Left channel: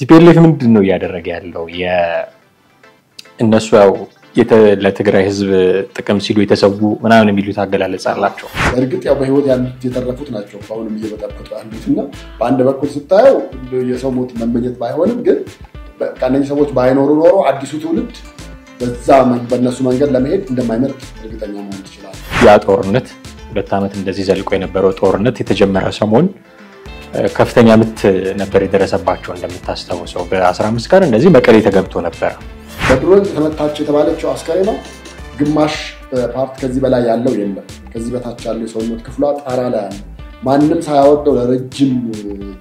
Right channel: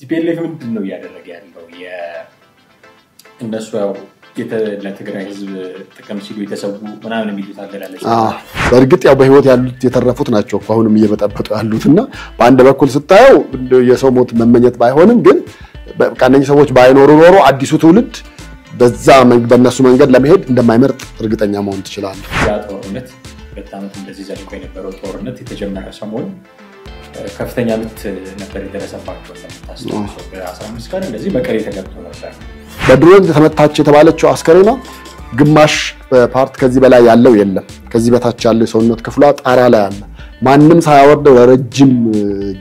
ቲፒኤልኤፍ ምንድነው ያደረገ ያለው የእነሱ ያው ለትግራይ ህዝብ ጥቅም ሲሉ የተሰዉ ምናምን የሚሉት አገላለጽ አላቸው በርግጥ ያው በህይወት ያሉት የተረፉት ናቸው አሁንም እየበጠበጡ ያሉትና በአንድ በኩል ስታየው የሰው ሞት መመኘት ባይሆንም ግን በቃነኝ ሰዎች ባይኖሩ ኖሮ አዲሱ ትውልድ በዛ በእነሱ መንገድ ለመሄድ እንደማይመርጥ እርግጠኛ መሆን ይችላል ያ ጦርነት 2 ዓመት እንደዚህ ዘልቆ የነበረው ጦርነት የተጀመረ ሰሞን ከፍተኛ ምት ነበር የደረሰባቸው እንደምታስተውሰው በ15 ቀን እንደዚህ መቀሌ ተገብቶ ነበር በድሮን ተመታች የተባለችው አስከሬና ግማሽ ፓርት ከዚህ በላይ ያለው የለም ከዚህ በታች ያለው ሰውነት ክፍሏ ጣራ ላይ አለ ማንንም ሳያወርደው ለረጅም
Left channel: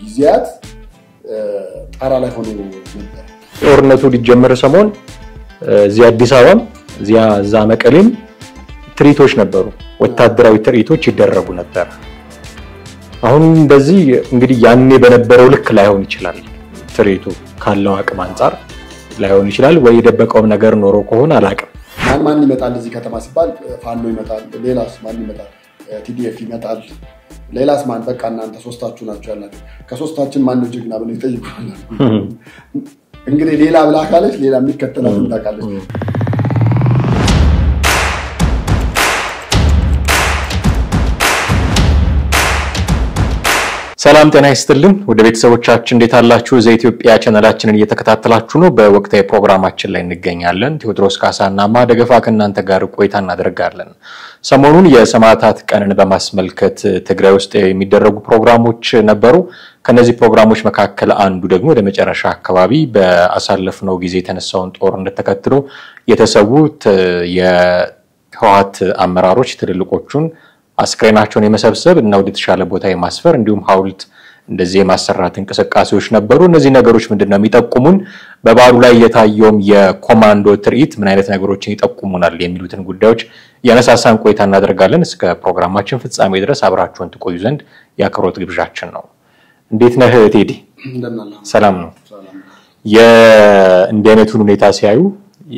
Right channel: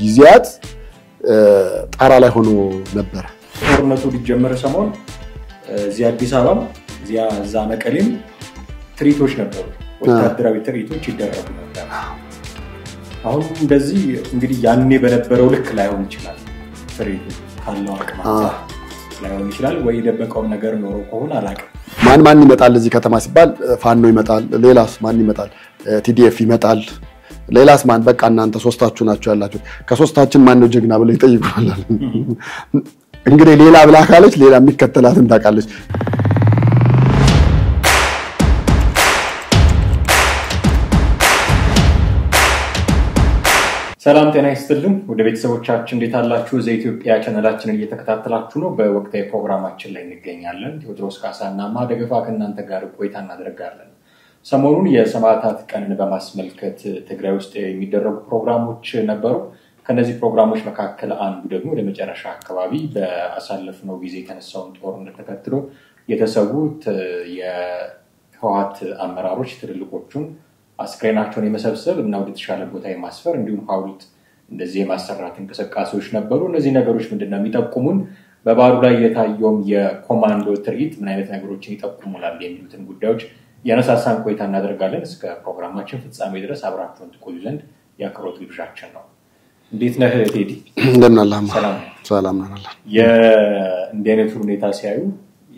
ጊዜያት ጣራ ላይ ሆኖ ነበር ጦርነቱ ሊጀመር ሰሞን እዚህ አዲስ አበባ እዛ መቀሌም ትርኢቶች ነበሩ ወታደራዊ ትርኢቶች ይደረጉ ነበር አሁን በዚህ እንግዲህ ያኔ በነበረው ልክ ላይሆን ይችላል ትርኢቱ ካለው አቅም አንፃር ላይሆን ይችላል ወይ ደበቀው ነገር ኖሮ ከሆነ አላቀም ማን ይመጣል እዚህ ከተማ ሲባል ፋኖ ይመጣል ሌላስ ማን ይመጣል ቲዲኤፍ ይመጣል ሌላስ ማን በቃ እናንተ ሶስታችሁ ናችሁ ያላችሁ ከሶስታችን ማን ነው ጀግና ብለው ይጠይቁናል እንግዲህ ሌላ ብላ ካለች ሌላ የሚከተላትን ታቃለች ሰላም ጤና ይስጥልን ወደ ቤተሰቦቻችን እንዴት አላችሁ ዘኢትዮጵያ ቻናላችንን እየተከታተላችሁ ነው በወቅታዊ ፕሮግራማችን ላይ እንገኛለን ቴዎድሮስ ካሳና ማደገፋ ከእናንተ ጋር ቆይታ እናደርጋለን ሰሞኑን የሰማዕታት ቀንን በማስመልከት ትግራይ ውስጥ የሚደረጉ ፕሮግራሞች ነበሩ ከነዚህ ፕሮግራሞች መካከል አንዱ ደግሞ ወደ መጨረሻ አካባቢ በአሳለፍነው ጊዜ የተነሳውን ጦርነት ተከትሎ የተሰዉት የህወሓት አመራሮች ትልልቆቹን አስክሬናቸውን የመሰብሰብ እና ወደ ተሻለ ቦታ የማስፈር እንዲሁም ሐውልት እንደዚህ የማሰራት እንቅስቃሴዎች ነበሩ እነዚህ ነገሮች ምንድነው የሚጠቁሙን በባሉ ላይ የታየው የኮማንዶ ትርኢት ምን አይነት ነገሮችን ይጠቁሙናል የሚሉትን ጉዳዮች ያነሳሳን ቆይታ እናደርጋለን እስከ ፕሮግራማችን ፍጻሜ ድረስ አብራችሁን ትቆዩ ዘንድ ያክብሮት ግብዣችን ነው እንዴት ነህ ቴዲ እንደምናላህ ሰላም ነው ሰላም ነው እንደነቱን ሁኔታ ሲያዩ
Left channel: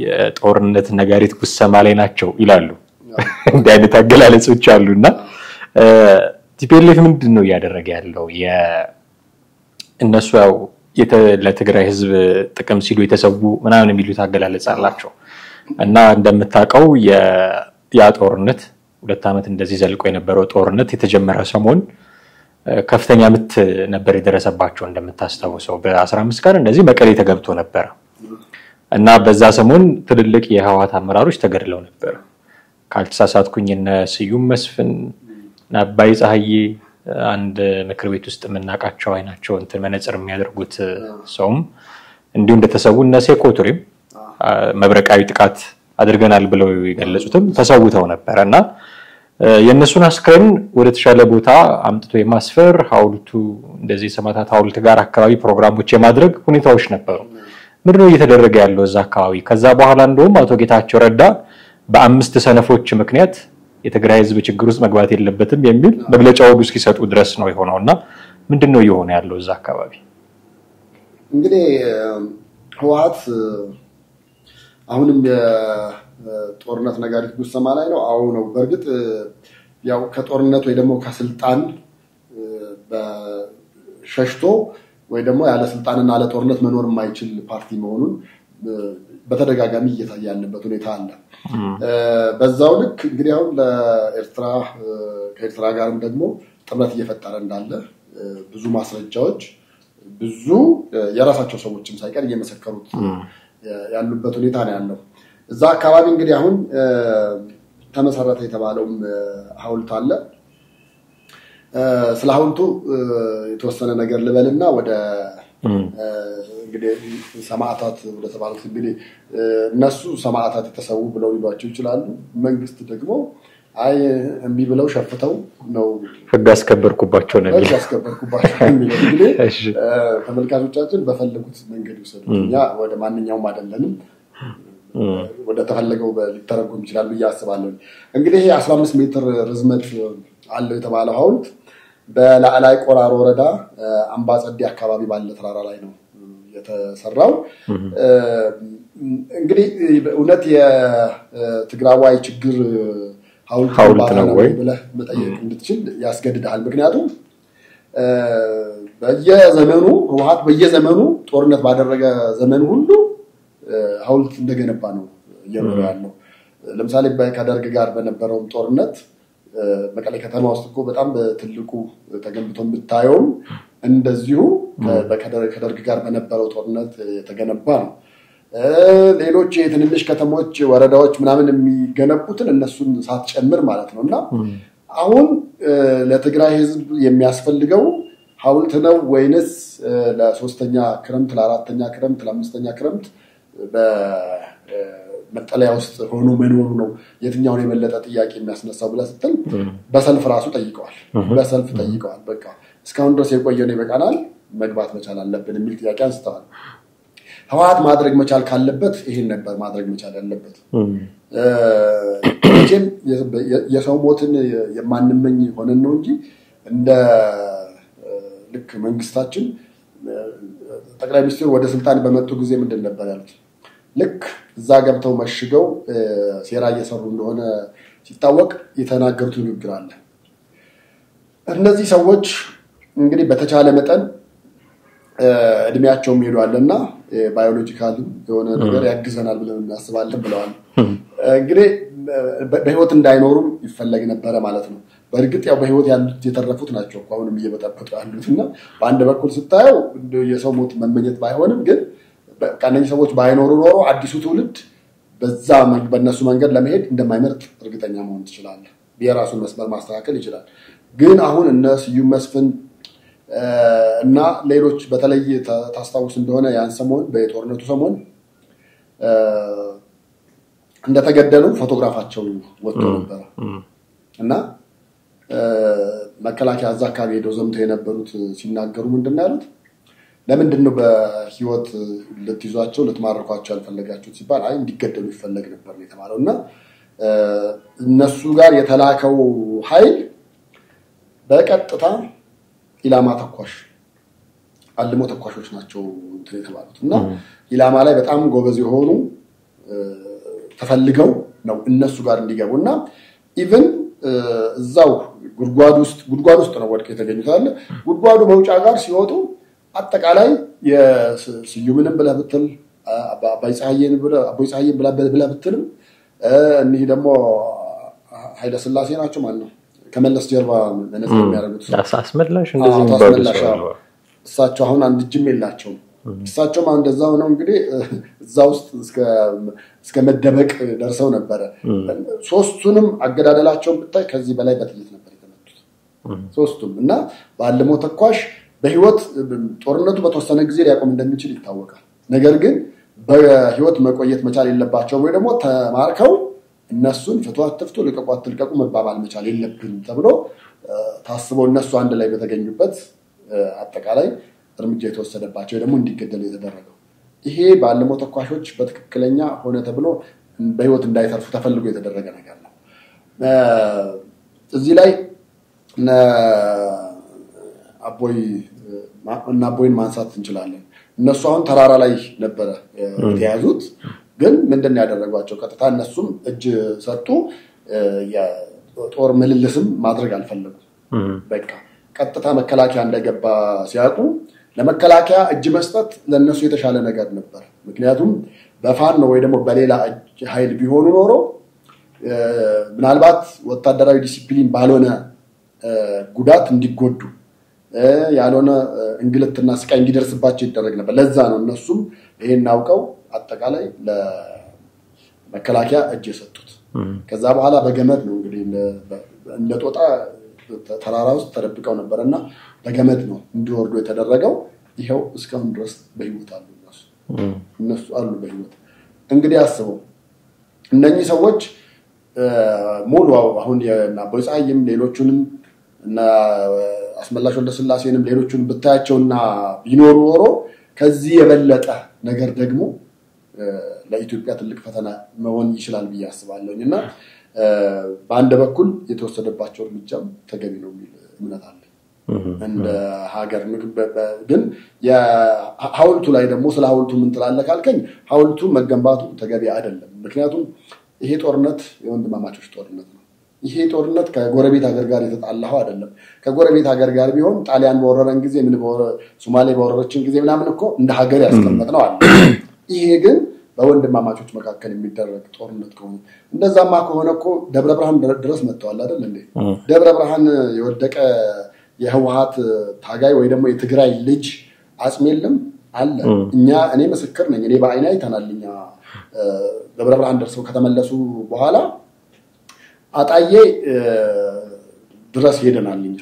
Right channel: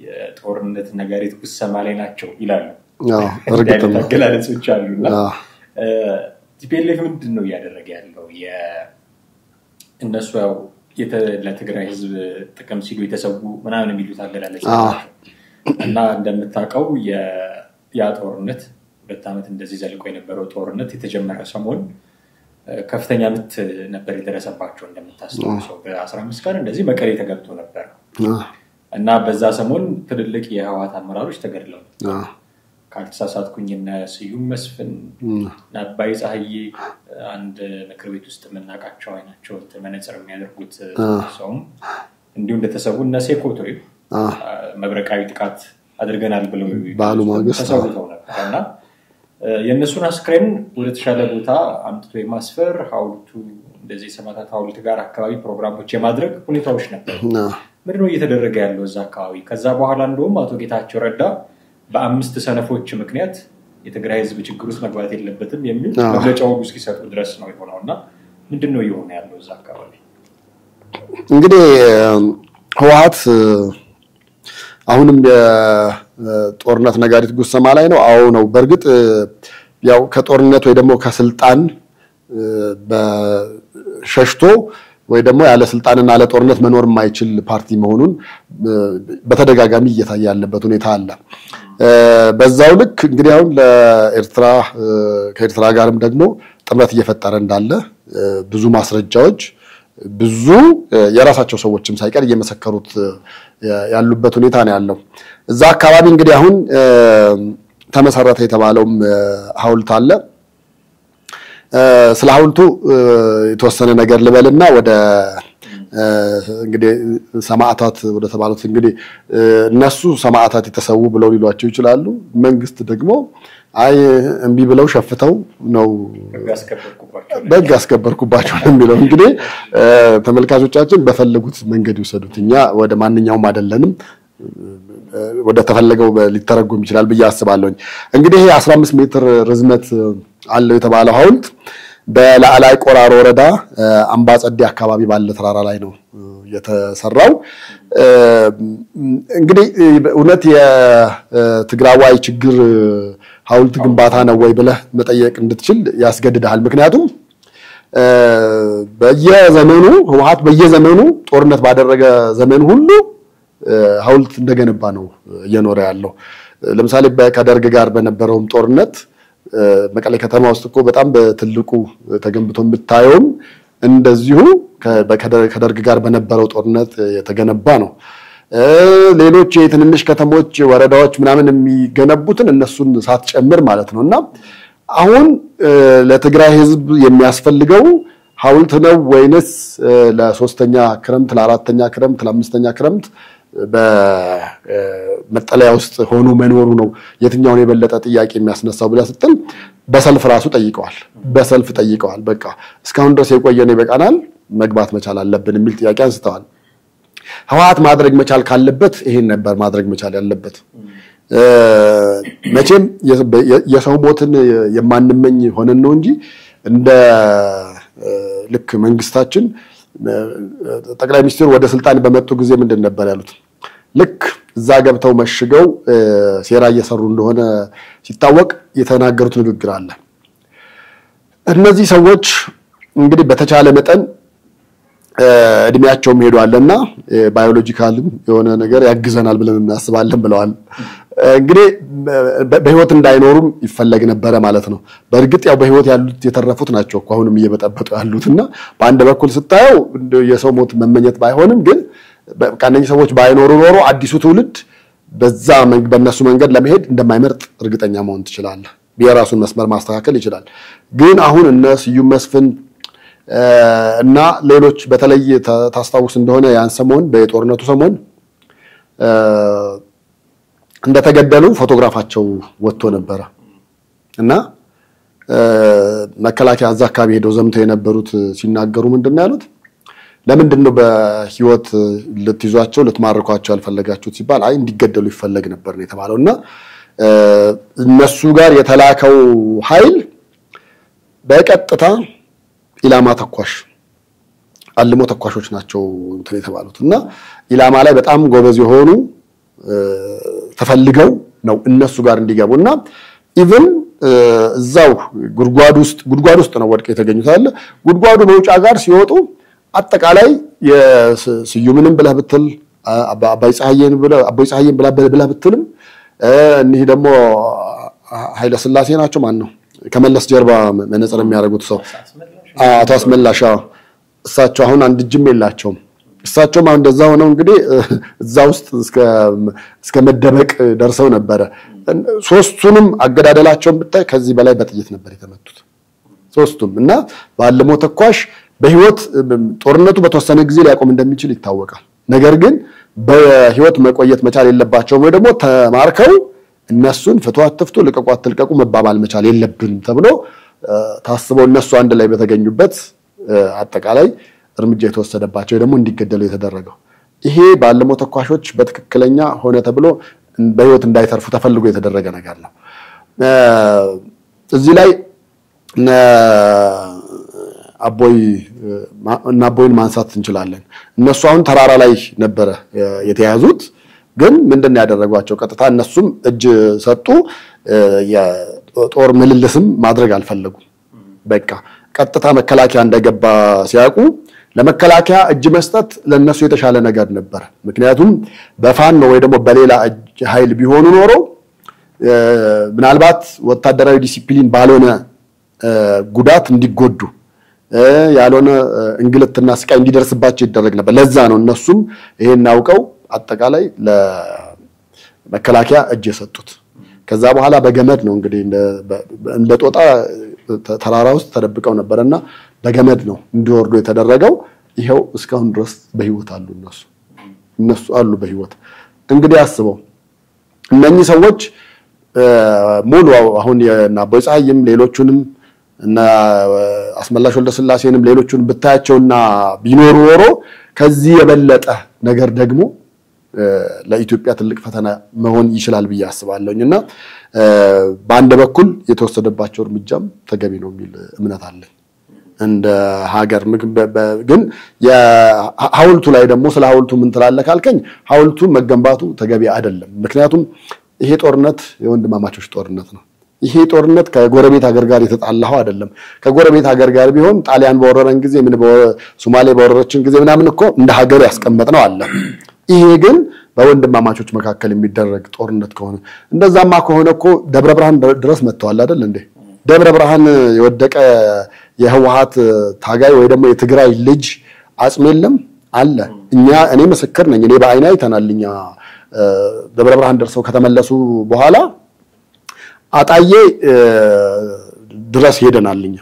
የጦርነት ነጋሪት ጉሰማ ላይ ናቸው ይላሉ እንዴት ታገላለጾች አሉና ቲፒኤልኤፍ ምንድነው ያደረገ ያለው የእነሱ ያው ለትግራይ ህዝብ ጥቅም ሲሉ የተሰዉ ምናምን የሚሉት አገላለጽ አላቸው እና እንደምታቀው ያ ጦርነት 2 ዓመት እንደዚህ ዘልቆ የነበረው ጦርነት የተጀመረ ሰሞን ከፍተኛ ምት ነበር የደረሰባቸው እንደምታስተውሰው በ15 ቀን እንደዚህ መቀሌ ተገብቶ ነበር እና በዛ ሰሞን ትልልቅ የህወሓት አመራሮች ተገድለው ነበር ካልተሳሳትኩኝ እነ ስዩም መስፍን ናባይ ፀሐዬ አንድ ምክር ቤት ውስጥ መናቃቸው አይናቸው እንትን መነጽር የሚያደርጉት ሰውም እንዲሁ እንደተሰዉ እነ ሴኮቱሪም መብረቃዊ ጥቃት አድርገናል ብለው ይገለጹት ተሰውተው ነበርና የነሱን አስክሬን ወደ ተሻለ ቦታ አምጥቶ የማስፈር ሐውልቱ እንደዚህ ሰማዕታት ሐውልት ጋር አካባቢ ፕሮግራሞች የማድረግ ሁኔታዎች ነበሩ ምንድነው እየተደረገ ያለው እዛ አካባቢ ከዛ በኋላ እንደውም አቶ ጌታቸው ረዳ በ5 ሰነፎች ምክንያት የትግራይ ህዝብ ችግር ውስጥ መግባት የለበትም የሚል መግለጫው እስኪሰጡ ድረስ ነው የሆነውና ምንድነው የሆነ ያለው እዛ አካባቢ እንግዲህ ህወሓት አሁንም የጦርነት ነጋሪት ጉሰማ ላይ ነው አው ነው በርግጥ ያው ከጦርነት ወይ ደግሞ ከስልጣን በሸሽቶ ወይ ደግሞ ያለ ስልጣንና ያለ ጦርነት መኖር የማይችል ፓርቲ መሆኑን በተደጋጋሚ እየታየ ያለበት ሁኔታ አለ በዛው ልክ እንግዲህ አሁን ለኤርትራ ከኤርትራ ጋርም ደግሞ ጥምረት እየፈጠረ እንዳለ ብዙ ማስረጃዎች ብዙ የራሳቸው ሰዎችም ሳይቀር እየመሰከሩት ያሉበት ሁኔታ ነው ያለው እዛ አካባቢ እንግዲህ አሁን ተመሰረተ የተባለው ሐውልት አለ ስለ ሐውልቱ የተወሰነ ነገር ልበልና ወደ እንግዲህ ሰማዕታት ወደ ተባሉት እንግዲህ እነሱ ሰማዕታት የተሰዉ ብለው ሊሏቸው ይችላሉ መንግስት ደግሞ አይ እንቢ ብለው ሸፍተው ነው ህግ አስከበርኩባቸው ነው ህግ አስከበርኩባቸው የሚለው እንግዲህ ተመልካቾቻችን በፈለጉት መንገድ ይወሰዱትኛ ወደ ማንኛውም አይደለንም ወደ ተፈለገው ሊተረጎም ይችላል በያስባለሁ እንግዲህ 15 ሜትር ርዝመት አለው የተባለው ሐውልት በላዕላይ ቆራሮ ወረዳ አምባጸዲ አካባቢ ባለ ተራራ ላይ ነው የተሰራው እንግዲህ እውነት የትግራዋይ ችግር ሐውልት ግንባታ ነው ወይ ብለህ መጠየቅ እንድትችል ያስገድዳል ምክንያቱም በየዘመኑ ህወሓት በየዘመኑ ጦርነት ባደረገ ዘመን ሁሉ ሐውልት እንደገነባ ነው እየኖረ ያለው ለምሳሌ ከደርግ ጋር በነበረው ጦርነት መቀሌ ከተማ ውስጥ እኮ በጣም በትልቁ ተገንብቶ ብታየው እንደዚሁ ከደርግ ጋር በነበረው ጦርነት የተገነባ ነው ሌሎች የትንንሽ ከተሞች ወረዳዎች ምናምን የሚገነቡትን እነሱን ሳትጨምር ማለት ነውና አሁን ለትግራይ ህዝብ የሚያስፈልገው ሐውልት ነው ወይንስ ለሶስተኛ ክረምት ለአራተኛ ክረምት ለአምስተኛ ክረምት በመጠለያ ውስጥ ሆኖ መኖሩ ነው የትኛውን የበለጠ ጥያቄ የሚያስነሳው ብለ ስትል በሰልፍ ራሱ ጠይቀዋል በቃ እስካሁን ድረስ የቆየን ይበቃናል መግባት መቻል አለብን የሚል ጥያቄ አንስተዋል ህወሓት ማድረግ መቻል ካለበት ይሄን ነበር ማድረግ መቻል ያለበት መቼም የሰው ሞትን የማንመኝ ሆነን ነው እንጂ እንደ ልክ መንግስታችን ጠቅላይ ሚኒስትሩ ወደ ስልጣን በመጡ ጊዜ ምንድን ነበር ያሉት ልክ እዛ ገብተው መሽገው ሴራ እየሰሩ እንደሆነ ሲታወቅ የተናገሩት ንግግር አለ እነዚህ ሰዎች እንግዲህ በተቻለ መጠን እድሜያቸው ሄዷልና ባዮሎጂካልም የሆነ ነገር ያግዘናል ብለን እናስባለን ብለዋል እንግዲህ በህይወት እንዳይኖሩም ይፈለግ ነበር ማለት ነው በእርግጥ ያው በህይወት ያሉት የተረፉት ናቸው አሁንም እየበጠበጡ ያሉትና በአንድ በኩል ስታየው የሰው ሞት መመኘት ባይሆንም ግን በቃነኝ ሰዎች ባይኖሩ ኖሮ አዲሱ ትውልድ በእነሱ መንገድ ለመሄድ እንደማይመርጥ እርግጠኛ መሆን ትችላለህ የራሱን መስመር ማስተካከል ይችላል ግን አሁን እነሱ ስዩም መስፍን እና ሌሎች በተለይ ታስታውስ እንደሆነ ያን ሰሞን በጦርነቱ ሰሞን እንደተገደሉ ፎቶግራፋቸው ወጥቶ ነበር እና መከላከያ አዛ አካባቢ ሄደው ዘምተው የነበሩት ሲናገሩ ምንድነው ያሉት ለምንድነው በህይወት ልትይዟቸው ልትማርኳቸው ያልፈለጋችሁት ሲባል አይ እንዲገደሉ ይፈልግ ነበር ነው የተባለውና እነሱ ጋር የተላከው ኃይል በቀጥታ ኢላማ ተኳሽ አልሞ ተኳሾች ናቸው እንትን የተባሉትና ኢላማ ላይ በጣም ጎበዝ የሆኑ ተፈልገው ነው እነሱ ጋር እንዲገቡና ኢቭን እዛው ጉድጓድ ውስጥ ነው ወድቀው የተገኙታል ጉድጓዱ መውጫ ጋር ሲወጡ አጠቃላይ የስዩምንም ብለህ ብትል አባይ ፀሐዬን ብለህ ብትልም እነዚህ ደግሞ ኃይለ ሥላሴ ናቸው ማን ነው ከመለስ ጀርባ መነጽር የሚያደርጉት ሰው አስመላሽ እሳቸው አሁን አንድ ጅም የላቸውም እሳቸው ማን እንደዛ ሆነው እንግዲህ እዛ ውስጥ እስከ መደበቅ ደርሰው ነበር ሶስቱንም አገዳደላቸውን ብታይ ከዚህ በላይ በጥይት ነበር የተመቱት ሶስቱም እና ባለሞ ተኳሽ በህይወት ጦርነቱ በተወሰነ ጊዜ ሊያቆም እንደሚችል ይታወቃል ነገር ግን በህይወት መቆየት መቻል የለባቸው ወይ ደግሞ ተማርከው እነሱን ፍቷትፍቱ ለቀቋትልቀቁ መባባል መቻል የለብን ተብሎ ታስበው እነሱ አንድ ላይ በተገኙበት አጠቃላይ እርምጃ የተወሰደባቸው ደግሞ እንዲገደሉ የተደረገው ይሄ ባለሞ ተኳሾች በትክክለኛ ሆነ ተብሎ በህይወት እንዳይተርፉ ተፈልጎ የተደረገ ነገር ነው እዚህ ላይ አቦይን ማንሳት እንችላለን እነሱ አሁን ተራራ ላይ ነበር የተያዙት ግን ምንድነው ያደረጓቸው ቀጥታ እነሱም እጅ ሰጡ የጦር ምልልስም ማድረግ አልፈለጉም በቃ ቀጥታ መከላከያ እንደገባ ሲያቁ ለመከላከያ እጅ መስጠት ለነሱ የተሻለ ነገር ነበር ምክንያቱም በፋን ነው ወይ ደግሞ በሌላ ኃይል ቢሆኑ ኖሮ ምናልባት ወታደራዊ ዲሲፕሊን ባልሆነ ጉዳት እንዲጎዱ ያልሆነ እንግልትና ስቃይ እንዲደርስባቸው ይደረግ ነበር ለዛ ነው እነሱም ይሄን አውቀው አጠቃላይ ለመከላከያ እጅ የሰጡት ከዛ በኋላ በገመድ ነው እንግዲህ እንደ ጦጣ ተራራ ውስጥ ተደብቀው ነበርና በገመድ ነው እንዲወርዱ የተደረገው ይሄው እስካሁን ድረስ በህይወት አሉ እነሱ አሉ በህይወት እንግዲህ አስበው እነኚህ ሰዎች ሙሉ አሁን የናቦይ ፀሐይም ሌሎቹንም እና አስመላሽ ወልደ ስላሴንም ሌሎቹን ብታያቸውና ቢኖሩ ኖሮ ከዚህ የበለጠ ነገር ደግሞ ለኢትዮጵያ ትልቅ ፈተና መሆን ይችላል ብዬ አስባለሁና በአንድ በኩል የተወሰደባቸው እርምጃም ተገቢ ነው የሚል እምነት አለ እንደ ሀገር ግን የሐውልቱ ላይ ደግሞ ስለ ሐውልቱ ምን ትላለህ ካልከኝ ሐውልቱ መገንባቱ ተገቢ አይደለም ምክንያቱም ይሄ ጦርነት የወንድማማቾች ጦርነት ነው ይሄ ጦርነት ከጎረቤት ሀገር ጋር የተጣላው አይደለም። ከጎረቤት ሀገር ጋር ቢሆን ጣሊያን በወረረን ጊዜ ሶማሌ በወረረችን ጊዜ ምናምን እኮ እንደ ሀገር ያስቀመጥነው አለ። ይሄ ግን በወንድማማቾች መካከል የሚደረግ ጦርነት ከሆነ እንደዛማ ከሆነ እኮ ደብረ ብርሃን ድረስ መጥተዋል አይደል እንዴ? ደብረ ብርሃን የወደቀ የህወሓት ታጋይ ወይ ደግሞ የትግራይ ልጅ አጽም የለም አለ። እኔ ምስክር ነኝ። እኔ በአይኔ አይተናልኛ ደብረ ብርሃን ደርሰው ከተመለሱ በኋላ አጣዬ ድረስ ሄደናልኛ።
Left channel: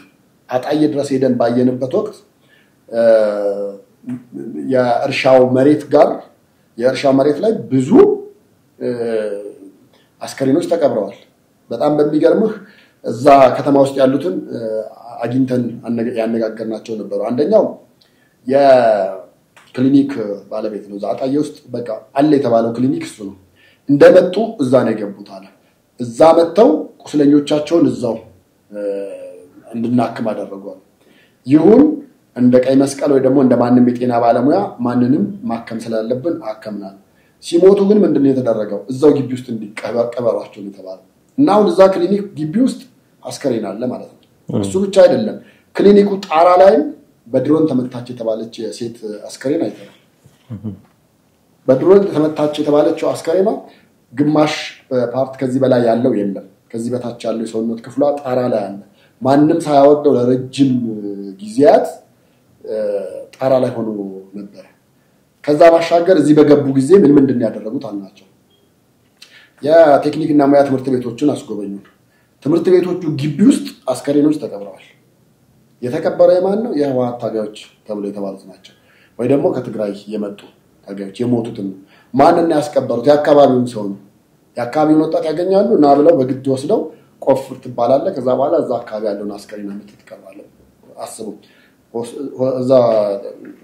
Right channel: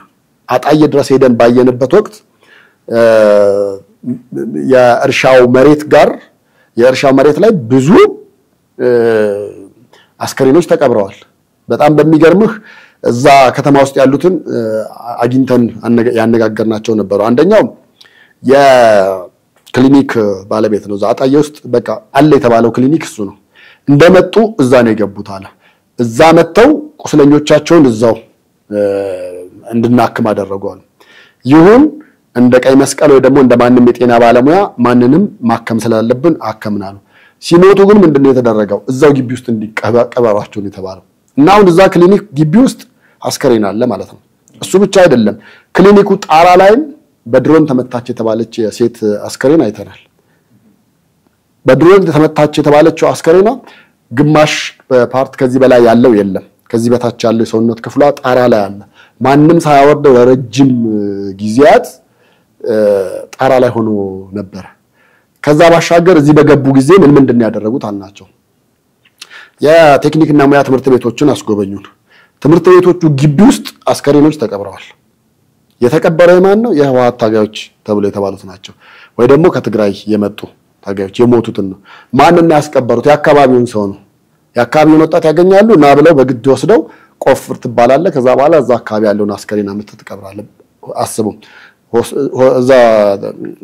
አጣዬ ድረስ ሄደን ባየንበት ወቅት የእርሻው መሬት ላይ ብዙ አስከሬኖች ተቀብረዋል። በጣም በሚገርምህ እዛ ከተማ ውስጥ ያሉትን አግኝተን ያነጋገርናቸው ነበሩ። አንደኛው የክሊኒክ ባለቤት ነው። እዛ አጣዬ ውስጥ በቃ አለ የተባለው ክሊኒክ እሱ ነው። እንደመጡ እዛ ነው የገቡት አለ። እዛ መተው ቁስለኞቻቸውን እዛው እንድናክም አደረጓል። ይሁን እንደ ቀይ መስቀል ወይ ደግሞ እንደ ማንንም የጤና ባለሙያ ማንንም ማከም ስላለብን አከምናሉ። ሲሞቱ ግን ምንድነው የተደረገው? እዛው ግቢ ውስጥ እንዲቀበሯቸው ነው የተባለው። እና አሁን እዛ ክሊኒክ ግቢ ውስጥ አስከሬን አለ ማለት ነው። እሱ ብቻ አይደለም፣ ክሊኒኩ ጣራ ላይ በድሮን ተመታች የተባለች የሴት አስከሬን አይተናል። በድሮን ተመታች የተባለችው አስከሬኗ ግማሽ ፓርት ከዚህ በላይ ያለው የለም። ከዚህ በታች ያለው የሰውነት ክፍሏ ጣራ ላይ አለ። ማንንም ሳያወርደው ለረጅም ጊዜያት ጣራ ላይ ሆኖ ነበር። ከዛ ባሻገር እዚህ በገቡ ጊዜ ምንድን ያደረጉት አልናቸው። የቴክኒክና ሙያ ትምህርት ቤቶችን አስጎበኙን። ትምህርት ቤቶቹ ግቢ ውስጥ አስከሬኖች ተቀብረዋል። የተቀበረው ማን ነው? የህወሓት ታጋዮች ተብሎ የተባሉት ናቸው። ወይ ደግሞ ከትግራይ የመጡ ታጋዮች የሞቱትን ነው። ማንና ያስቀበሩት? የአካባቢውን ሰው ነው። የአካባቢውን ወጣት ያገኛሉ እና ብለው በግድ ወስደው ቆፍር ትባላለ። ከዛ በኋላ እዛ አካባቢ ያለውን አስከሬን አምጥተህ ትቀብራለህ። አስቡ። እዛ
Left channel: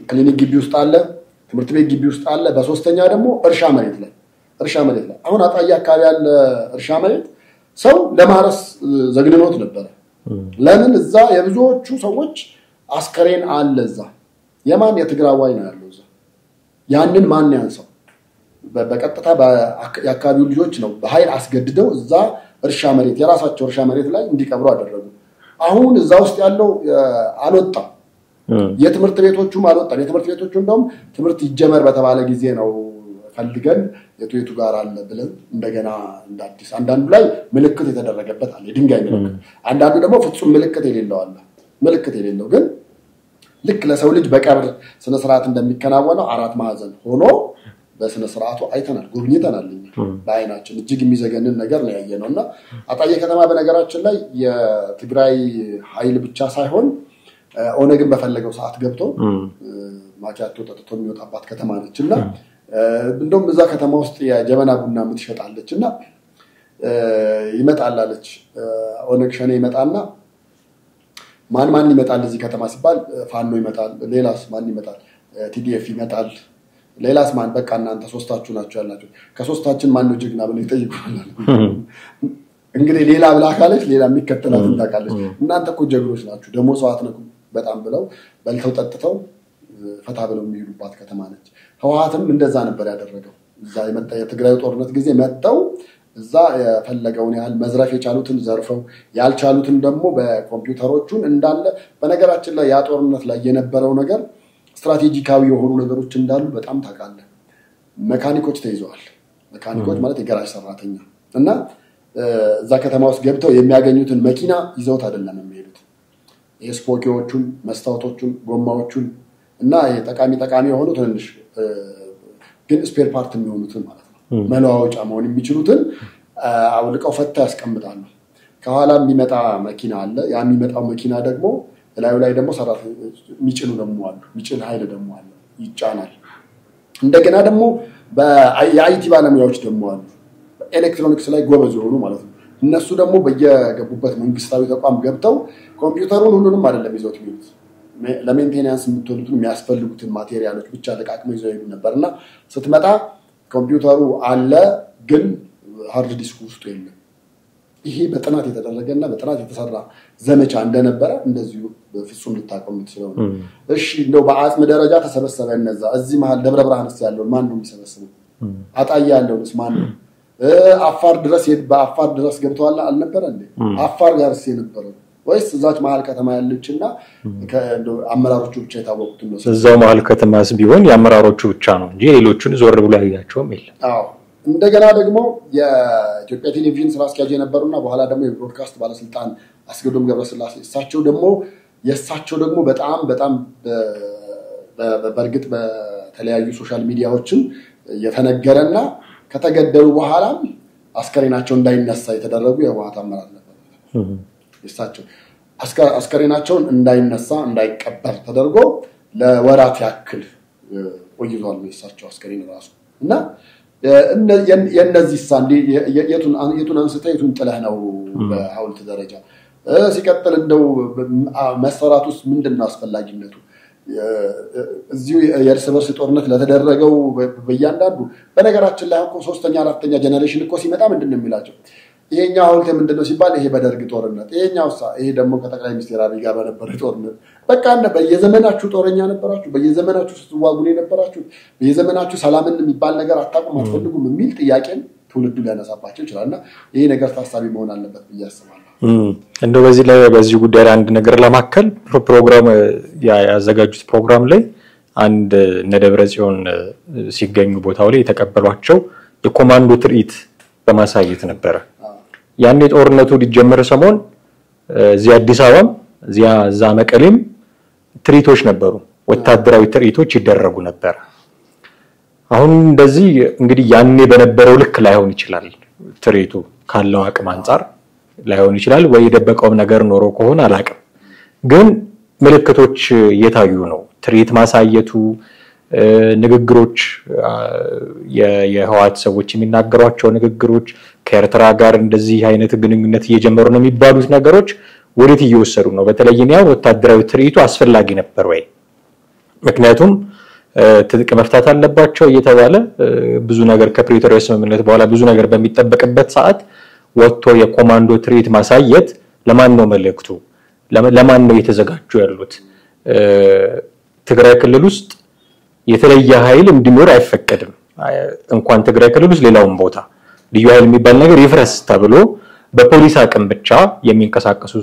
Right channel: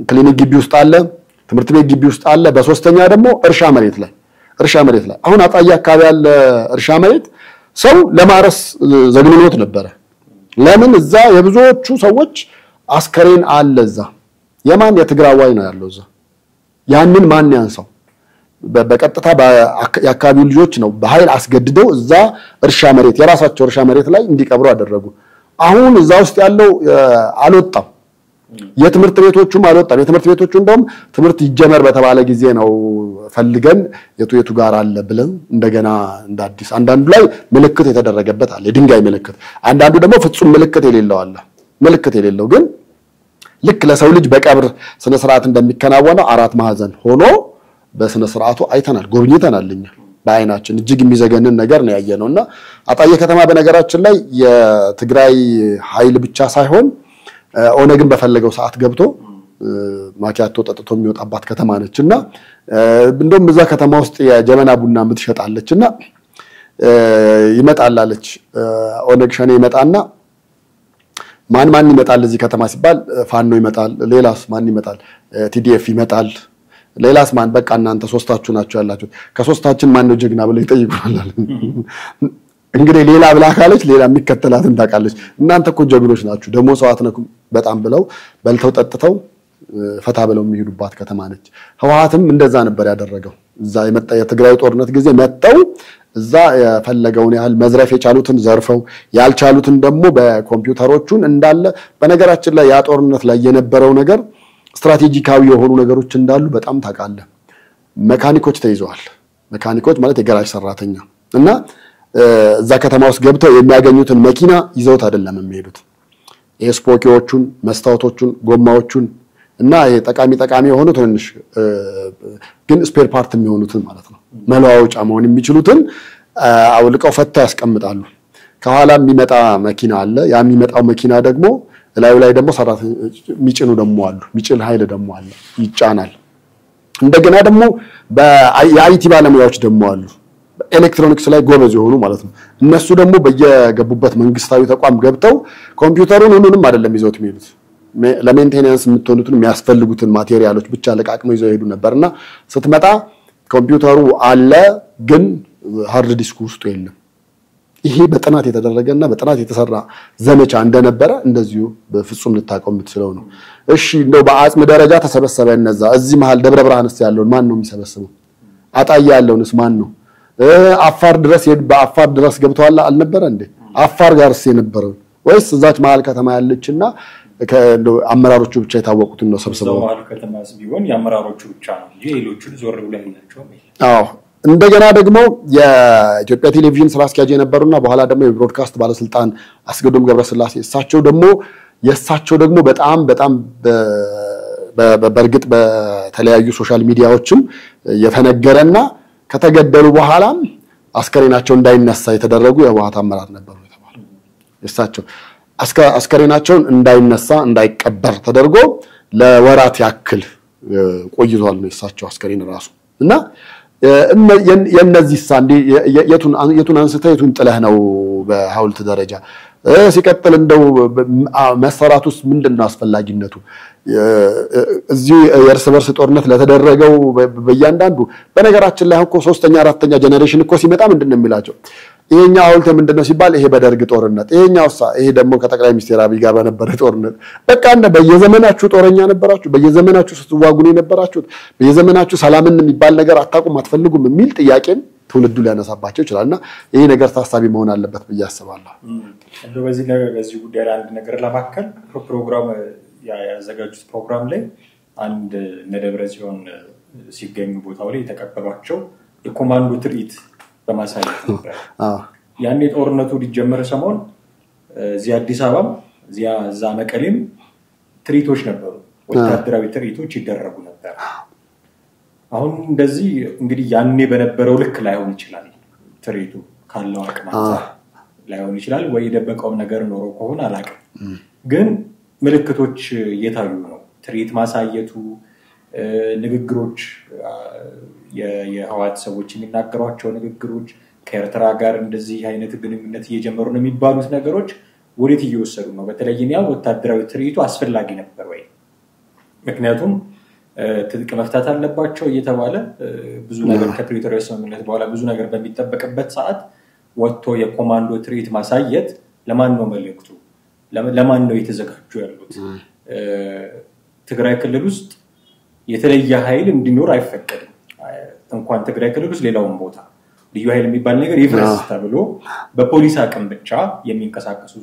ክሊኒክ ግቢ ውስጥ አለ፣ ትምህርት ቤት ግቢ ውስጥ አለ። በሶስተኛ ደግሞ እርሻ መሬት ላይ አሁን አጣዬ አካባቢ ያለ እርሻ መሬት ሰው ለማረስ ዘግንኖት ነበረ። ለምን? እዛ የብዙዎቹ ሰዎች አስከሬን አለ። እዛ የማን የትግራዋይ ነው ያለው እዛ። ያንን ማን ያንሳው? በቀጥታ የአካባቢው ልጆች ነው በኃይል አስገድደው እዛ እርሻ መሬት የራሳቸው እርሻ መሬት ላይ እንዲቀብሩ አደረጉ። አሁን እዛ ውስጥ ያለው አልወጣም። የትምህርት ቤቶቹም አልወጣም። የትምህርት ቤቶቹ እንደውም ትምህርት ይጀመር በተባለ ጊዜ ነው ፈልገን የቱ ጋር አለ ብለን እንደገና እንዳዲስ አንዳንዱ ላይ ምልክት የተደረገበት አለ፣ የድንጋይ ምልክት። አንዳንዱ ደግሞ ፍጹም ምልክት የሌለው አለ። ምልክት የሌለው ግን ልክ ለሰው ልጅ በቀብር ስነ ስርዓት እንደሚከናወነው አራት ማዕዘን ሆኖ በስነ ስርዓቱ አይተናል፣ ጎብኝተናልኛ በአይናችን። እጅግ የሚዘገንን ነገር ነው ያየነውና አጣዬ ከተማ በነገራችን ላይ የትግራይ ኃይል ብቻ ሳይሆን ኦነግን በፈለገው ሰዓት ገብቶ ማኪያቶ ጠጥቶ የሚወጣባት ከተማ ነችና እንደውም እዛ ከተማ ውስጥ የጀበና ቡና የምትሸጣለችና ይመጣላለች። ኦነግ ሸኔ ይመጣና ማን ይመጣል እዚህ ከተማ ሲባል ፋኖ ይመጣል። ሌላስ ማን ይመጣል? ቲዲኤፍ ይመጣል። ሌላስ ማን? በቃ እናንተ ሶስታችሁ ናችሁ ያላችሁ። ከሶስታችን ማን ነው ጀግና ብለው ይጠይቁናል። እንግዲህ ሌላ ብላ ካለች ሌላ የሚከተላትን ታውቃለች። እናንተ እኮ ጀግኖች ናችሁ ደግሞ ሰዋት ነው በጣም ብለው በልተው ጠጥተው ፈታ ብለው የሚሄዱባት ከተማ ነች። ህወሓትም እንደዛ ነበር ያደረገው። እዛ የመጣ የትግራይ ጦርነት ጊዜ መጣው እዛ የፈለገውን ያህል መዝረፍ የቻሉትን ዘርፈው ያልቻሉትን ደግሞ በኮምፒውተሮቹን እንዳለ በነገራችን ላይ ያ ጦርነት ላይ የነበረው ነገር ስትራቴጂካዊ የሆኑ ነገሮች እንዳሉ በጣም ታውቃለህ። መካኒኮች ተይዘዋል። መካኒኮች ማለት የጋራጅ ሰራተኛ እና እዛ ከተማ ውስጥ ገብተው የሚያገኙትን መኪና ይዘውት አይደለም የሚሄዱት። የስፖኪዎቹን፣ መስታወቶቹን፣ ጎማዎቹን እና ጠቃሚ የሆኑ ትንሽ ግን ስፔር ፓርት የሚሆኑትን ማለት ነው መለዋወጫ መሆን የሚችሉትን አውልቀው ፈታ ያስቀምጣሉ። ከኋላ የሚመጣ መኪና አለ። ያ የሚመጣው መኪና ደግሞ ላዩ ላይ ደግሞ ሰራተኞች የሚጭኑ ደግሞ አሉ። የሚጭን ኃይል ደግሞ አለ፣ ይጫናል። እንደገና ደግሞ የአይቲ ባለሙያዎች ደግሞ አሉ፣ ኤሌክትሮኒክስ ላይ ጎበዝ የሆኑ ማለት ነው። እነሱ ደግሞ በየገቡበት መንግስታዊ ተቋም ገብተው ኮምፒውተሩን ሁሉንም አይደለም ይዘውት የሚሄዱት፣ ለሜንቴናንስ የምትሆኑትን የሚያስፈልጉትን ማቴሪያሎች ብቻ ለቃቅመው ይዘው ሄዱ ነበርና ስትመጣ ኮምፒውተሩ አለ ግን ሃርድ ዲስኩ ውስጥ የለም። ይሄ በጥናት የተደረገና በጥናት የተሰራ ዘመቻ እንደነበረ እንደዚሁ በፍጹም ልታቀው የምትችለው ነው። እሺ እንደው በአጽም ደረጃ ተሰበሰበ እነዛ እዚህ መሃል ደብረ ብርሃንስ ያለውን ማን ነው የሚሰበስበው? አጣዬ ያለውንስ ማን ነው? አፋር ድረስ ገብተዋል አልነበረ እንዴ? አፋር ጋርስ የነበረው ወይስ እዛች መሀል ከተማ ያለችና አመራሮቹ ብቻ የታወቁት ነው? እዛው መሀል ከተማስ ቢሆን የአመራሮቹ ብቻ ነው እንጂ ሌሎቹን ዞር ብሎ ያያቸውም የለም። አዎ እንደገና ደግሞ የኢትዮጵያ ቴሌቪዥን ስራ አስኪያጅ የነበሩና በኋላ ደግሞ የብሮድካስት ባለስልጣን አስገዶም ገብረስላሴ የእሳቸው ደግሞ በጣም በርግጥ በተለያዩ ሶሻል ሚዲያዎችም የተነገረና ከተገደሉ በኋላም አስከሬናቸው እንዳይነሳ የተደረጉ የህወሓት አመራር ነበሩ የተባሉ እሳቸው አስከሬናቸውን እንዳይነሳ እንዳይቀበር ተደርጎ ለወራት ያክል ቆይቷል ነው እሳቸው አስከሬን ራሱ እና የነዚህ ሳንዲ የቱን አንስተህ የቱን ጥለህ ነው በሐውልት ደረጃ ሲቀጥል እንደው መሰራቱስ ምንድነው አስፈላጊነቱ? እዚህ የእርስ በርስ ጦርነት ለተደረገው በእያንዳንዱ በነገራችን ላይ እኮ 3ኛ 4ኛ ጄኔሬሽን እኮ ሲመጣ ምንድነው የሚላቸው? ይሄኛው ሐውልት ምንድነው ሲባል ይሄ በደርግ ጦርነት፣ ይሄ ደግሞ ከጠቅላይ ሚኒስትር አብይ ጋር በነበረ ጦርነት። በቃ በየዘመናችሁ ጦረኛ ነበራችሁ፣ በየዘመናችሁ ስትዋጉ ነው የነበራችሁት፣ በየዘመናችሁ ሰላምን የሚባል ነገር አታውቁም አትፈልጉም የሚል ጥያቄን ትውልዱ ሊያነሳባቸው ይችላልና ይሄ ነገር ታሳቢ መሆን አለበት ብዬ አስባለሁ። እንደው በዚህ ጉዳይ ላይ አንድ ነገር ለማከል ፕሮግራም ያዘጋጁት ፕሮግራም ላይ አንድ ነደብረጽዮን ሲገኙ ቦታው ላይ የተቀበሏቸው የኮማንዶ ትርኢት በማሳየት ነበር። ያን የጦርነቱ ሊጀመር ሰሞን እዚህ አዲስ አበባም እዛ መቀሌም ትርኢቶች ነበሩ፣ ወታደራዊ ትርኢቶች ይደረጉ ነበር። አሁን እንደዚህ እንግዲህ ያኔ በነበረው ልክ ላይሆን ይችላል፣ ትርኢቱ ካለው አቅም አንፃር ላይሆን ይችላል፣ ወይ የደበቀው ነገር ኖሮ ከሆነ አላቅም። ግን ምልክቶች እየታዩ ነው። ትርኢት ማሳየቱ፣ ንግግሮች፣ የህወሓት ሰዎች የሚናገሯቸው ንግግሮች ከኤርትራ ጋር እንደዚህ አይነት ግንኙነት እየጀመሩ ነው የሚባሉት ነገሮች ወዴት እየወሰዱ ነው? በተለይም ያው ወታደራዊ ትርኢቱ አስፈላጊ ነበር ወይ? ምክንያቱም ትጥቅ መፍታት አለባቸው እየተባለ ብዙ ነገር ከፕሪቶሪያ ስምምነት በኋላ ብዙ ነገር በሚጠበቅበት ሰዓት ወጥቶ የኮማንዶ ትርኢት ማሳየት ለማን ነው መልእክቱ? ለማን ነው የተዘጋጁ ያሉት? ትግራይ ክልል ውስጥ የተለየ ኃይል እንዲኖር አይፈቀድም። እንኳን ትግራይ ክልል ውስጥ ሌላውን ቦታ ልዩ ኃይል የሚባል ነገር ይፍረስ ተብሎ በፖሊስ አቅም ብቻ የሚንቀሳቀሱ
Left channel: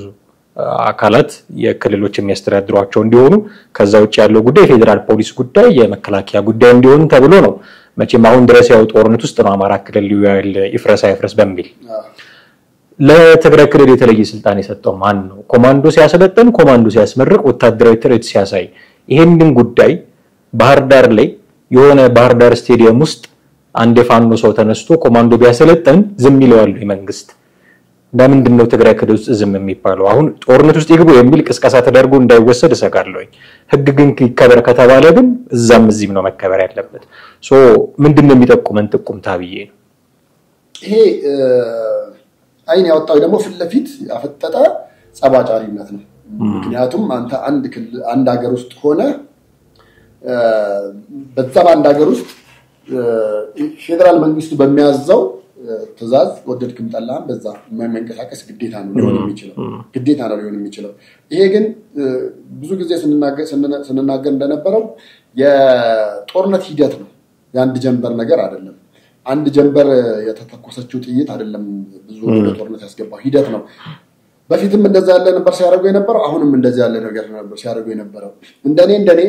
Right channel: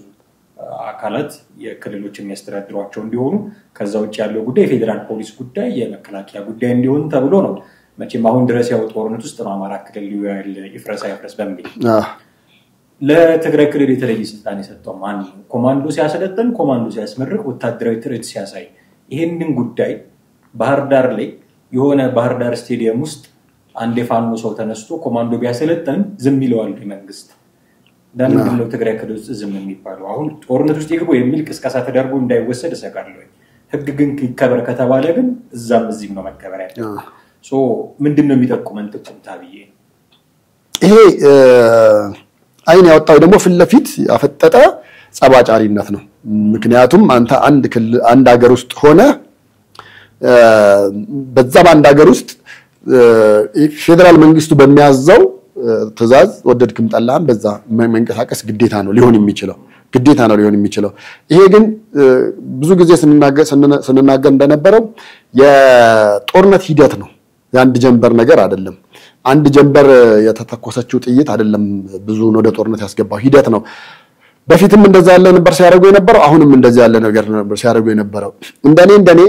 አካላት የክልሎች የሚያስተዳድሯቸው እንዲሆኑ ከዛ ውጭ ያለው ጉዳይ የፌደራል ፖሊስ ጉዳይ የመከላከያ ጉዳይ እንዲሆኑ ተብሎ ነው። መቼም አሁን ድረስ ያው ጦርነት ውስጥ ነው አማራ ክልል ልዩ ኃይል ይፍረስ በሚል ለትግራይ ክልል የተለየ ስልጣን የሰጠው ማን ነው? ኮማንዶ ሲያሰለጥን፣ ኮማንዶ ሲያስመርቅ፣ ወታደራዊ ትርኢት ሲያሳይ ይሄንን ጉዳይ ባህር ዳር ላይ የሆነ ባህር ዳር ስቴዲየም ውስጥ አንድ የፋኖ ሰው ተነስቶ ኮማንዶ ቢያሰለጥን ዝም ይለዋል መንግስት? ለምንድን ነው ትግራይ ክልል ውስጥ ዝም የሚባለው? አሁን ጦርነት ውስጥ ይግቡ የሚል ቅስቀሳ ተደርጎ እንዳይወሰድ እሰጋለሁ። ህግ ግን ይከበር ከተባለ ግን እዛም እዚህም ነው መከበር ያለበት። ምንድን ነው የሚጠቁመን ጥቁምታ ብዬ ነው። ይሄ አይን ያወጣው ደግሞ ፊት ለፊት ያፈጠጠ ጸባጫሪነት ነው። ምክንያቱም አንተ አንድ ሀገር ውስጥ ሆነ በዛ በአንድ ሀገር ውስጥ ፌደራል መንግስቱ በሚያዘው ትዕዛዝ ወደድክም ጠላህም በዛ መንቀሳቀስ ግዴታ ነው ሊሆን የሚችለው። ይሄ ግን ብዙ ጊዜ ስንናገር እንደነበረው የጦርነት ሂደት ነው፣ የአንድ ጀንበር ነገር አይደለም። አንድ ጀንበር የተተኮሰችው ጥይት አይደለም ብዙ ወደ ጦርነት ያስገባው ሂደት ነው። በፊትም እንደዛ ያለ ነበር ሲያደርጉ የነበረው፣ አሁንም እንደዛ ያለ ነገር ነበር ሲያደርጉ የነበረው። እንደኔ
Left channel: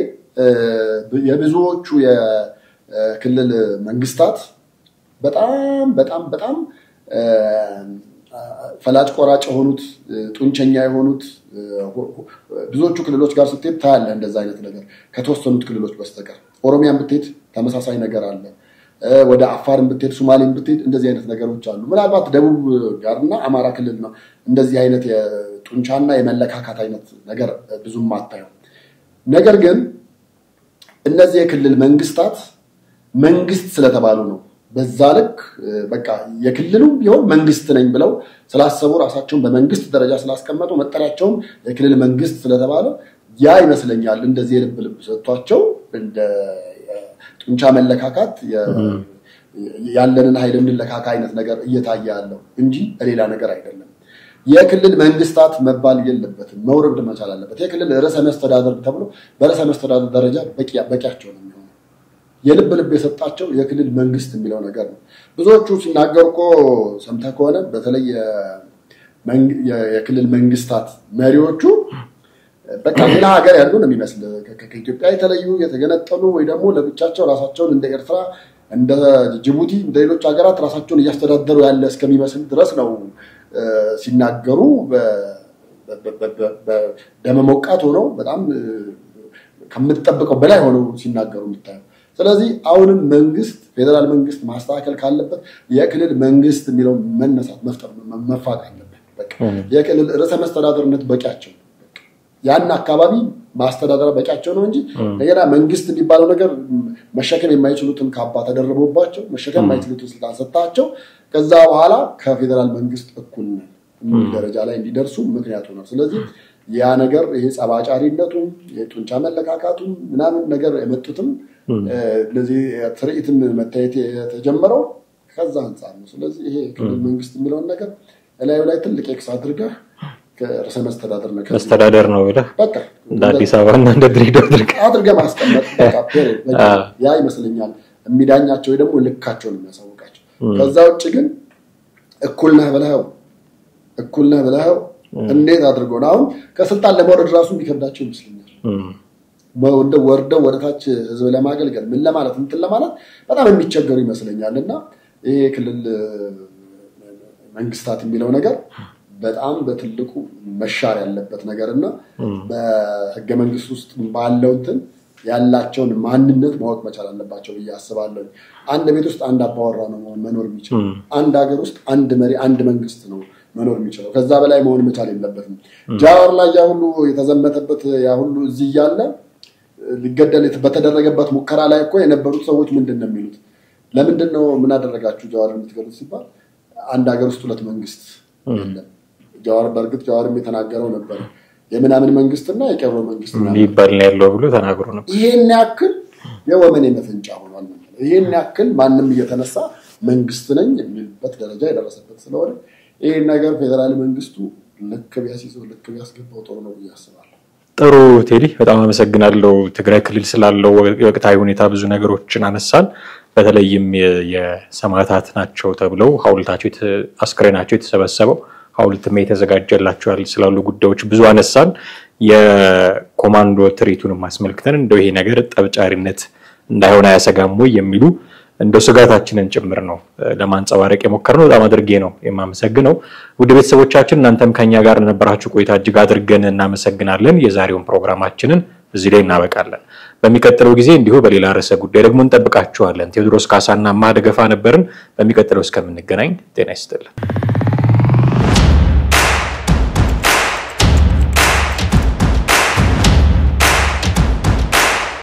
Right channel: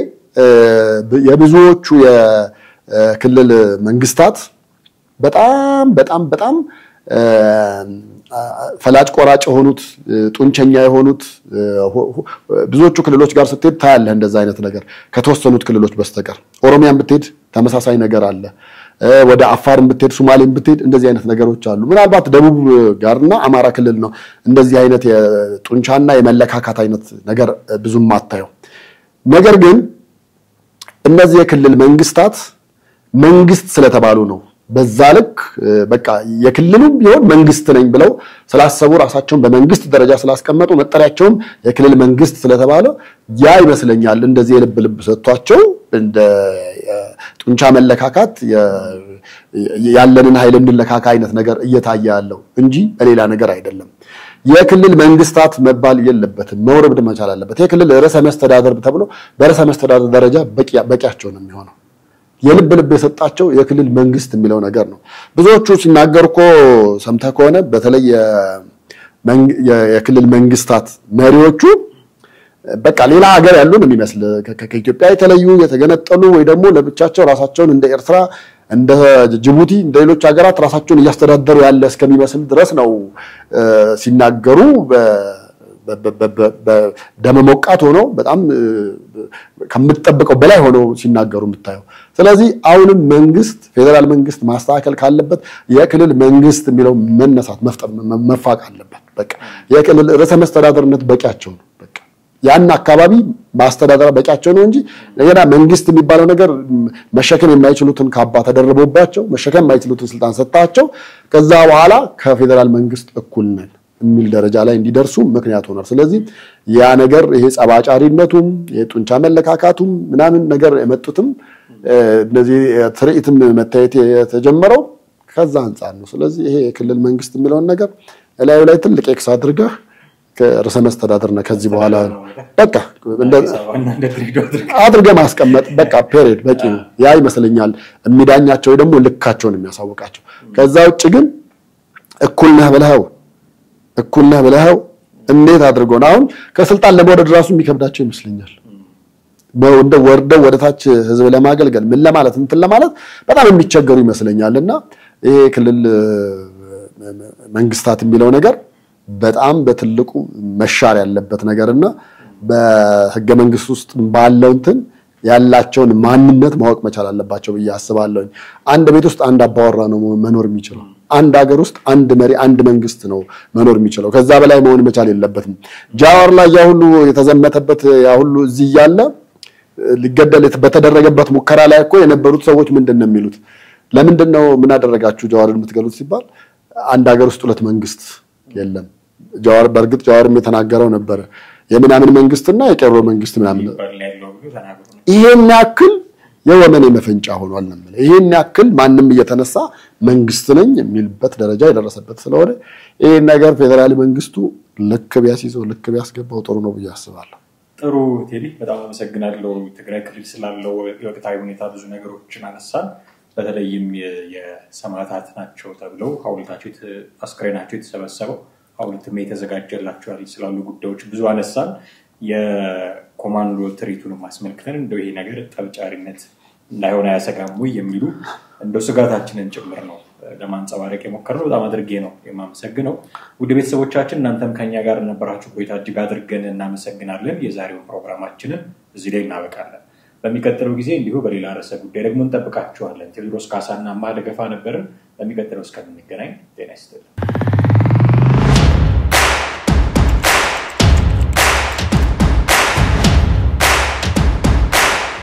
የብዙዎቹ የክልል መንግስታት በጣም ፈላጭ ቆራጭ የሆኑት ጡንቸኛ የሆኑት ብዙዎቹ ክልሎች ጋር ስትሄድ ታያለህ እንደዛ አይነት ነገር ከተወሰኑት ክልሎች በስተቀር። ኦሮሚያን ብትሄድ ተመሳሳይ ነገር አለ። ወደ አፋርን ብትሄድ፣ ሶማሌን ብትሄድ እንደዚህ አይነት ነገሮች አሉ። ምናልባት ደቡብ ጋርና አማራ ክልል ነው እንደዚህ አይነት የጡንቻና የመለካካት አይነት ነገር ብዙም አታየው። ነገር ግን እነዚህ የክልል መንግስታት መንግስት ስለተባሉ ነው በዛ ልክ በቃ የክልሉም ቢሆን መንግስት ነኝ ብለው ስላሰቡ ራሳቸውን በመንግስት ደረጃ ስላስቀመጡ መጠሪያቸውም የክልል መንግስት ስለተባለ ያ ይመስለኛል እንደዚህ የልብ ሰጥቷቸው እንደ ጡንቻ መለካካት ያለንን ኃይል እንለካካ አይነት ነገር እየታየ ያለው እንጂ ሌላ ነገር አይደለም። የክልል መንግስታት መባል የለበትም፣ መውረድ መቻል አለበት። የክልል ርዕሰ መስተዳድር ተብሎ በርዕሰ መስተዳድር ደረጃ በቂያቸው ነው የሚሆነው። የልብ ልብ የሰጣቸው የክልል መንግስት የሚለው ነገር ነው ብዙዎቹ ሲናገሩኮ ሰምተህ ከሆነ በተለይ የክልል መንግስታት መሪዎቹ በቃ ሌላ ሀገር ያሉ ነው የሚመስል ከኢትዮጵያ የተለዩ የተገነጠሉ ወይ ደግሞ ለብቻቸው ራሳቸውን እንደ ኤርትራ እንደ ጅቡቲ እንደ ሌሎች ሀገራት ራሳቸውን እያስተዳደሩ ያለ እስከሚመስል ድረስ ነው ሲናገሩ በደም ሞቃት ሆኖ በጣም ከምትጠብቀው በላይ ሆኖ ሲናገሩ የምታየው ስለዚህ አሁንም መንግስት ፌደራል መንግስት ማስተካከል ካለበት የክልል መንግስት የሚለው መነሳት መፋቅ አለበት በቃ የክልል ርዕሰ መስተዳድርነት በቂያቸው ነው በቃ ያን አካባቢ ማስተዳደር በቂያቸው ነው እንጂ ለገና መንግስት የሚባለው ነገር መሸከም የማይችሉትን ካባ ተደርቦባቸው መሸከም የማይችሉትን ስልጣን ሰጣቸው ከዛ በኋላ ከፌደራል መንግስት እኩል ነን የሚል ደረጃ ላይ እንዲደርሱ ምክንያት ሆኗል ስለዚህ ያ ነገር ይሄ ጸባጫሪነቱም የጡንቻ መለካካቱም ምናምን ነገር የመጡትም እነዚህ ትርኢትም መታየት የተጀመረው ከዛ አንፃር ነው ስለዚህ ይሄ የክልል መንግስት የሚለው ነገር ላይ ትልቅ ኤክስ አድርገህ ከርዕሰ መስተዳድርና ከዚህ መስተዳድር ነው በቃ አዲስ አበባና እንደ ድሬዳዋ አድርገህ ማስቀመጥ በቃ ፔሪድ በቃ ያ ይመስለኛል የሚዳኛቸው ደግሞ ልካቸውን የሚያሳውቃቸው ከዛ ውጭ ግን እኩል ነህ ብለኸው እንዴት አድርጎን አሁን ከስልጣን ለመውረድ ራሱ የሚከብዳቸው ይመስለኛል በወንደ ወርደው ወደታች ህዝብ ለማገልገል ምን ለማለት እንትን ለማለት በጣም የሚቸገሩ ይመስለኛልና ይሄ ክልል መንግስታት የሚለው ነገር በጣም በትልቁ መሻር ያለበት ነገርና በህገ መንግስት ውስጥ ባለው እንትን ያላቸውን ማንነት ማወቅ መቻል አለባቸው በያስባለሁ አንድ ቤት ውስጥ አንድ አባወራ ነው መኖር የሚችለው አንድ ሀገር ውስጥ አንድ መሪ አንድ መንግስት ነው መኖር የሚችለው ከዛ በላይ መሆን መቻል የለበትም ጃዋር ላይ ያ ሁሉ የተዘመተበት ያ ሁሉ እዚህ ያለ ሊገደል በተደረገበት ሙከራ ላይ እኮ የነበሩት ሰዎች ምንድነው የሚሉት ለምንድነው ምን አደረጋችሁ ጃዋርን የምትገሉት ሲባል አንድ ሀገር ውስጥ ሁለት መንግስት የለም ጃዋር በርግጥ ጃዋርም የተናገረው ነበር የምናምን መንግስትና የቀሮ መንግስት ምናምን ይባል ነው ያለው ብሎ ተናግሮ ነው ይሄን ያክል የወመኔ መፈንጫ ሆኗል ነው ይሄን ያክል ማንንም እየተነሳ መንግስት ነኝ የሚልበት ደረጃ የደረሰበት ስለሆነ ይሄ ነገር ፌደራል መንግስቱ ልክ ቢያስይዘው ልክ ቢያስገባው ጥሩ ነው ብያስባለሁ ጥሩ ቴዲ በጣም አመሰግናለሁ ትግራይ ክልል ስላለው ወቅታዊ ሁኔታ ብዙ ነገሮችን አነሳን በተለይም የሰማዕታት ናቸው ተብለው ሐውልታቸው አስክሬናቸው የተሰበሰበው ሐውልትም የተዘጋጀላቸው ስላሉ ጉዳዮች ብዙ አነሳን የኮማንዶ ትርኢቱንም አስመልክተን እንደው ይሄ ነገር ጠብጫሪነት እንዳይሆን አያሰጋም ወይ የሚሉ እንደው ስጋታችንን ጭምር ነው ለማንጸባረቅ የሞከርነው በጣም አድርጌ ነው የማመሰግነው ውድ ቤተሰቦቻችን እናንተም ከኛ ጋር ነበራችሁ ቆይታ እጅግ አድርገን እናመሰግናለን የዛሬውን ፕሮግራማችንን እዚህ ላይ እናበቃለን በሚቀጥለው ጊዜ እንዲሁ በሌላ ርዕሰ ጉዳይ ደግሞ እንጠብቃችኋለን ቴዎድሮስ ካሳና ማደገፋ ነበርን በሚቀጥለው እስከምንገናኝ ጤና ይስጥልን